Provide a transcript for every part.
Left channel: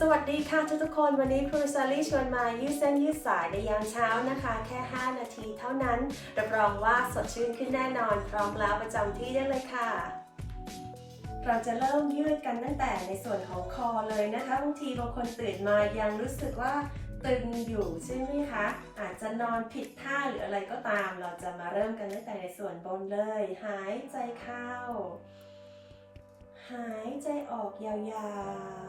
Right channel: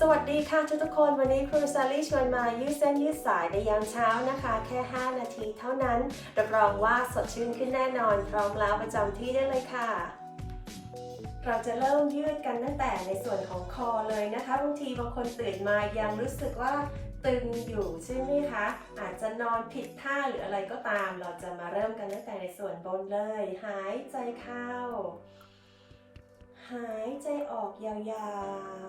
สวัสดีค่ะทุกทุกคนวันนี้ครูซาลี่ชวนมายืดเส้นยืดสายในยามเช้านะคะ แค่ 5 นาทีเท่านั้น รับรองว่าสดชื่นขึ้นแน่นอน พร้อมแล้วประจำที่ได้เลยค่ะ เราจะเริ่มยืดกันตั้งแต่ในส่วนของคอเลยนะคะบางทีบางคนตื่นมายังรู้สึกว่าตึงอยู่ใช่ไหมคะอาจจะนอนผิดท่าหรืออะไรก็ตาม เราจะมาเริ่มกันตั้งแต่ในส่วนบนเลย หายใจเข้า หายใจออกยา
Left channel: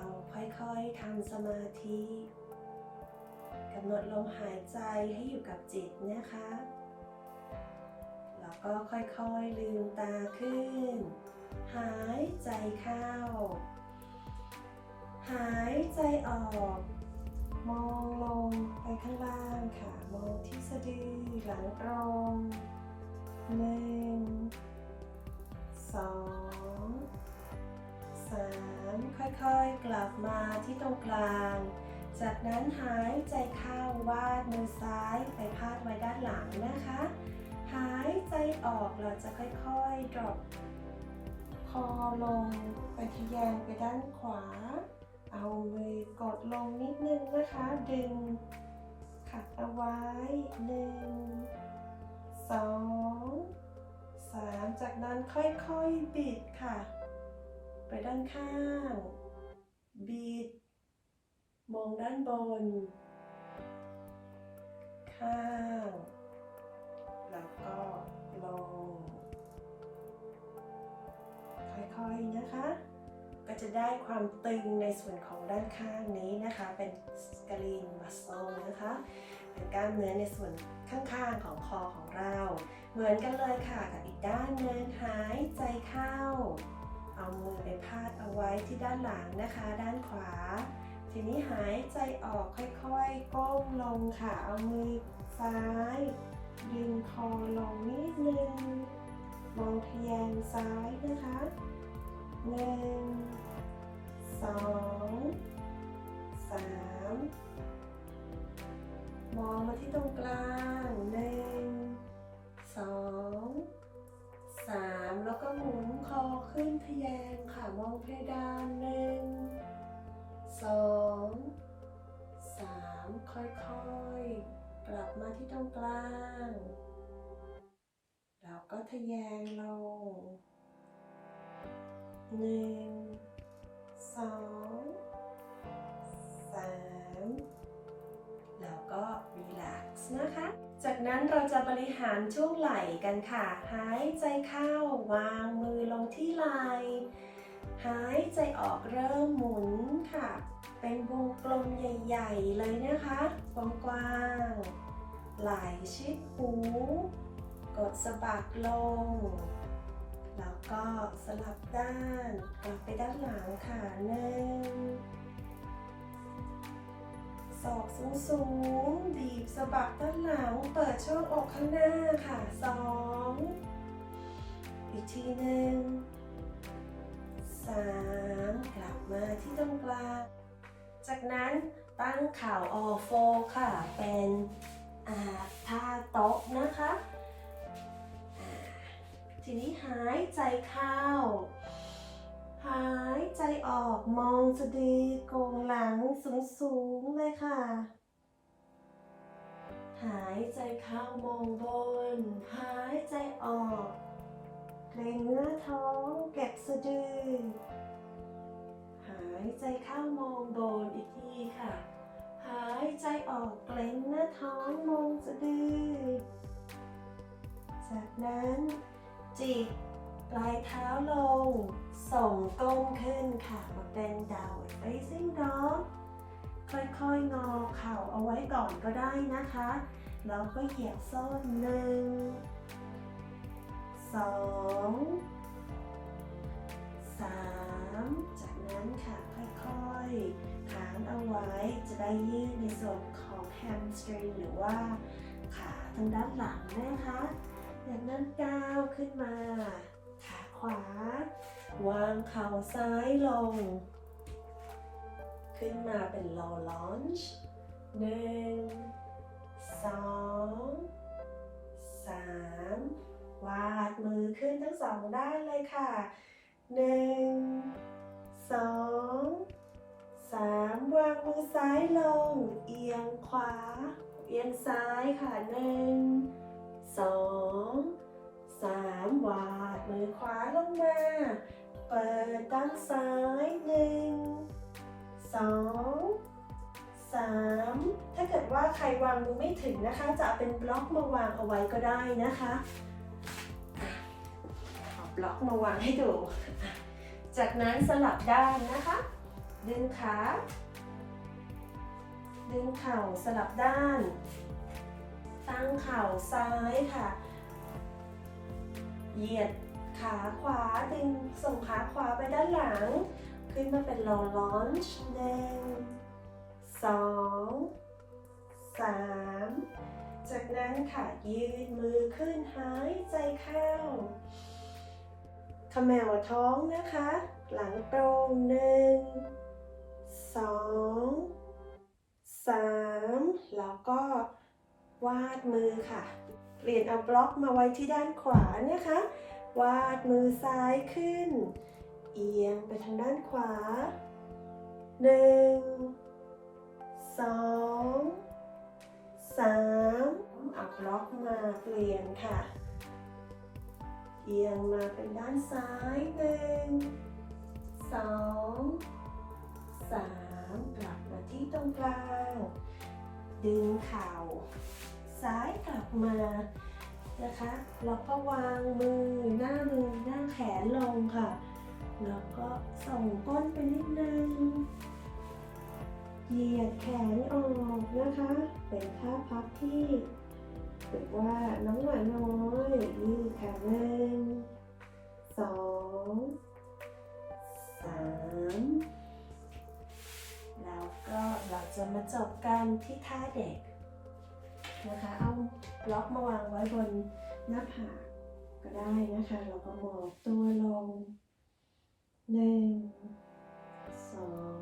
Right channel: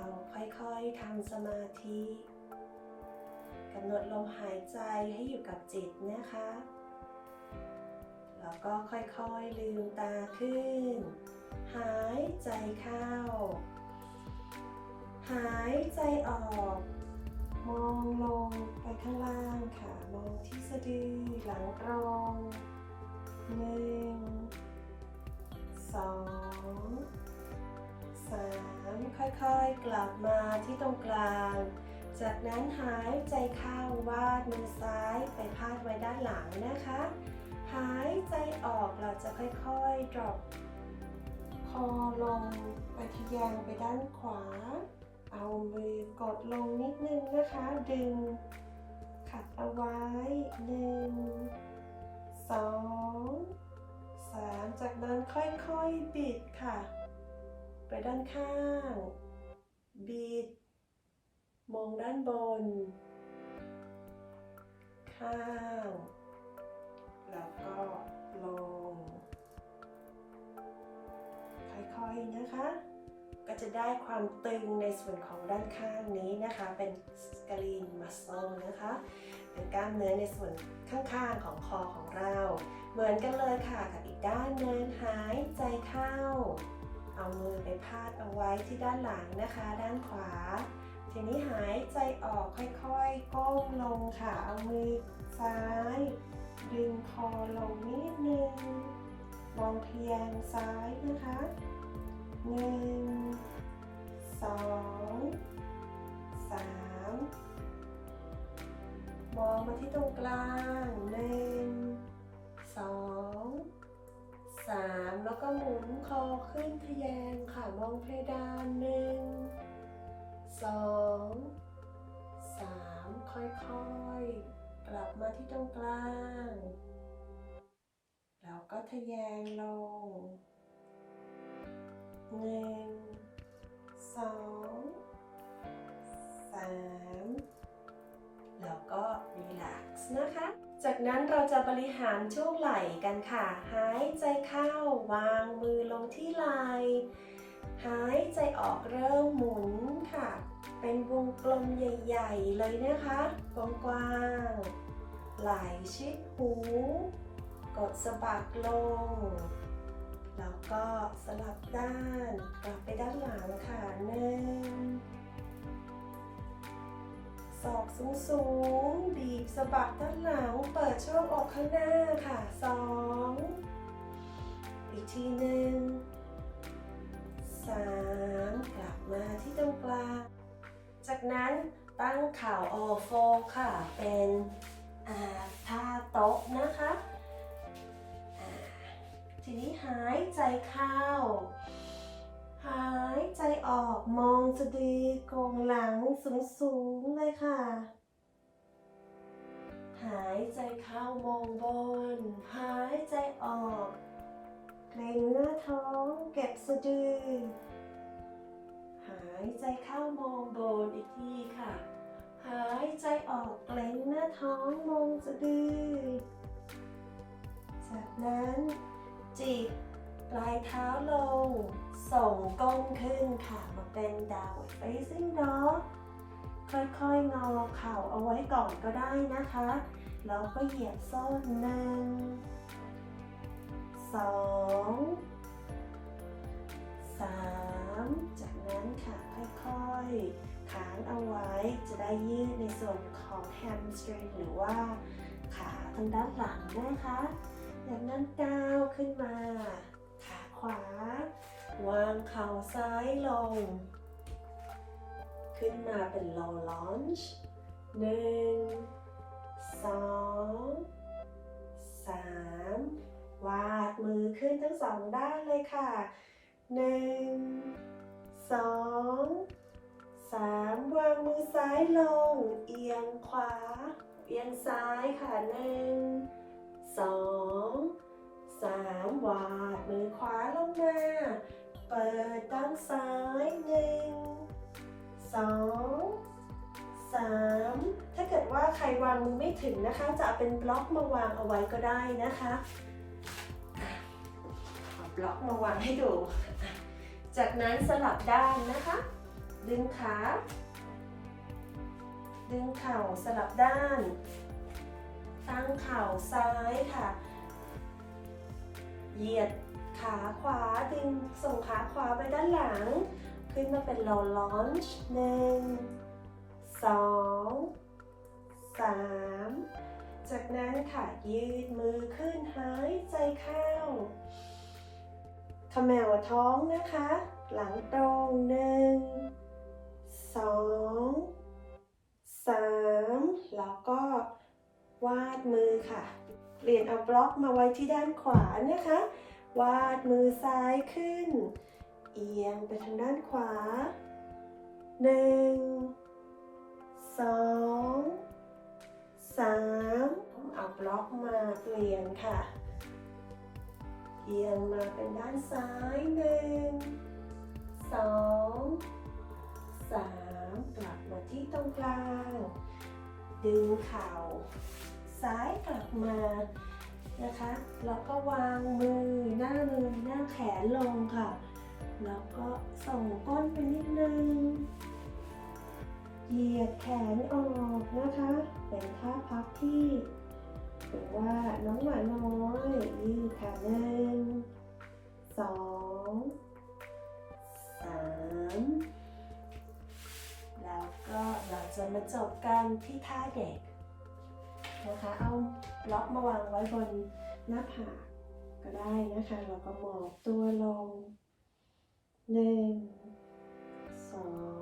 วๆ ค่อยๆทำสมาธิกำหนดลมหายใจให้อยู่กับจิตนะคะ แล้วก็ค่อยๆลืมตาขึ้น หายใจเข้า หายใจออก มองลงไปข้างล่างค่ะ มองที่สะดือหลังตรงหนึ่งสอง สามค่อยๆ กลับมาที่ตรงกลาง จากนั้นหายใจเข้าวาดมือซ้ายไปพาดไว้ด้านหลังนะคะ หายใจออกเราจะค่อยๆ drop คอลงไปทะแยงไปด้านขวา เอามือกดลงนิดนึงนะคะ ดึง ขัดเอาไว้หนึ่งสองสามจากนั้นค่อยๆ บิดค่ะ ไปด้านข้าง บิด มองด้านบน ข้าง แล้วก็ลงค่อยๆนะคะ ก็จะได้ความตึงในส่วนของด้านข้างนี้นะคะ เป็นสกรีนมัสเซนะคะ เป็นกล้ามเนื้อในส่วนข้างๆของคอของเรา เหมือนกันเลยค่ะกับอีกด้านหนึงหายใจเข้า เอามือไปพาดเอาไว้ที่ด้านหลังนะคะ ด้านขวา ทีนี้หายใจออกค่อยๆ ก้มลงค่ะ เอามือซ้าย ดึงคอลงนิดนึง มองเพียงซ้ายนะคะหนึ่งสองสามมองมาที่ตรงกลางหนึ่งสอง สามแล้วก็หมุนคอขึ้นทะแยงค่ะมองเพดานหนึ่งสองสามค่อยๆ กลับมาที่ตรงกลาง แล้วก็ทะแยงลงหนึ่งสองสามแล้วก็รีแลกซ์นะคะ จากนั้นเราจะบริหารช่วงไหล่กันค่ะ หายใจเข้าวางมือลงที่ไหล่หายใจออกเริ่มหมุนค่ะ เป็นวงกลมใหญ่ ๆ เลยนะคะกว้างๆไหล่ชิดหู กดสะบัดลง แล้วก็สลับด้านกลับไปด้านหลังค่ะหนึ่ง อกสูงสูงบีบสะบัดด้านหลัง เปิดช่วงอกข้างหน้าค่ะสองอีกทีหนึ่งสามกลับมาที่ตรงกลาง จากนั้นตั้งข่าวออโฟค่ะ เป็นอาท่าโต๊ะนะคะ ทีนี้หายใจเข้า ใจออกมองสะดือโกงหลังสูงๆเลยค่ะ หายใจเข้ามองบน หายใจออกเกรงหน้าท้องเก็บสะดือ หายใจเข้ามองบนอีกทีค่ะ หายใจออกเกรงหน้าท้องมองสะดือ จากนั้นจิก ปลายเท้าลง ส่งก้มขึ้นค่ะ มาเป็น downward facing dog ค่อยๆ งอเข่าเอาไว้ก่อนก็ได้นะคะ แล้วก็เหยียบส้นหนึ่งสองสามจากนั้นค่ะค่อยๆค้างเอาไว้จะได้ยืดในส่วนของ hamstring หรือว่าขาทางด้านหลังนะคะจากนั้นก้าวขึ้นมา ขวา วางเข่าซ้ายลง ขึ้นมาเป็น low lunge หนึ่งสองสามวาดมือขึ้นทั้งสองด้านเลยค่ะหนึ่งสองสามวางมือซ้ายลง เอียงขวา เอียงซ้ายค่ะหนึ่งสอง สามวาดมือขวาลงมา เปิดด้านซ้ายหนึ่งสองสามถ้าเกิดว่าใครวางมือไม่ถึงนะคะ จะเป็นบล็อกมาวางเอาไว้ก็ได้นะคะเอาบล็อกมาวางให้ดู จากนั้นสลับด้านนะคะ ดึงขา ดึงเข่าสลับด้าน ตั้งเข่าซ้ายค่ะ เหยียดขาขวาดึงส่งขาขวาไปด้านหลัง ขึ้นมาเป็น low launch หนึ่งสองสามจากนั้นค่ะยืดมือขึ้นหายใจเข้าขมวท้องนะคะ หลังตรงหนึ่งสองสามแล้วก็วาดมือค่ะ เปลี่ยนเอาบล็อกมาไว้ที่ด้านขวานะคะ วาดมือซ้ายขึ้น เอียงไปทางด้านขวาหนึ่งสองสามเอาบล็อกมาเปลี่ยนค่ะ เอียงมาเป็นด้านซ้ายหนึ่งสองสามกลับมาที่ตรงกลาง ดึงเข่า ซ้ายกลับมานะคะ แล้วก็วางมือหน้ามือหน้าแขนลงค่ะ แล้วก็ส่งก้นไปนิดนึง เหยียดแขนออกนะคะ เป็นท่าพับที่ถือว่าน้องหมาน้อยยืดขาหนึ่งสองสามแล้วก็เราจะมาจบกันที่ท่าเด็ก นะคะ เอาบล็อกมาวางไว้บนหน้าผากก็ได้นะคะ เราก็หมอบตัวลงหนึ่งสอง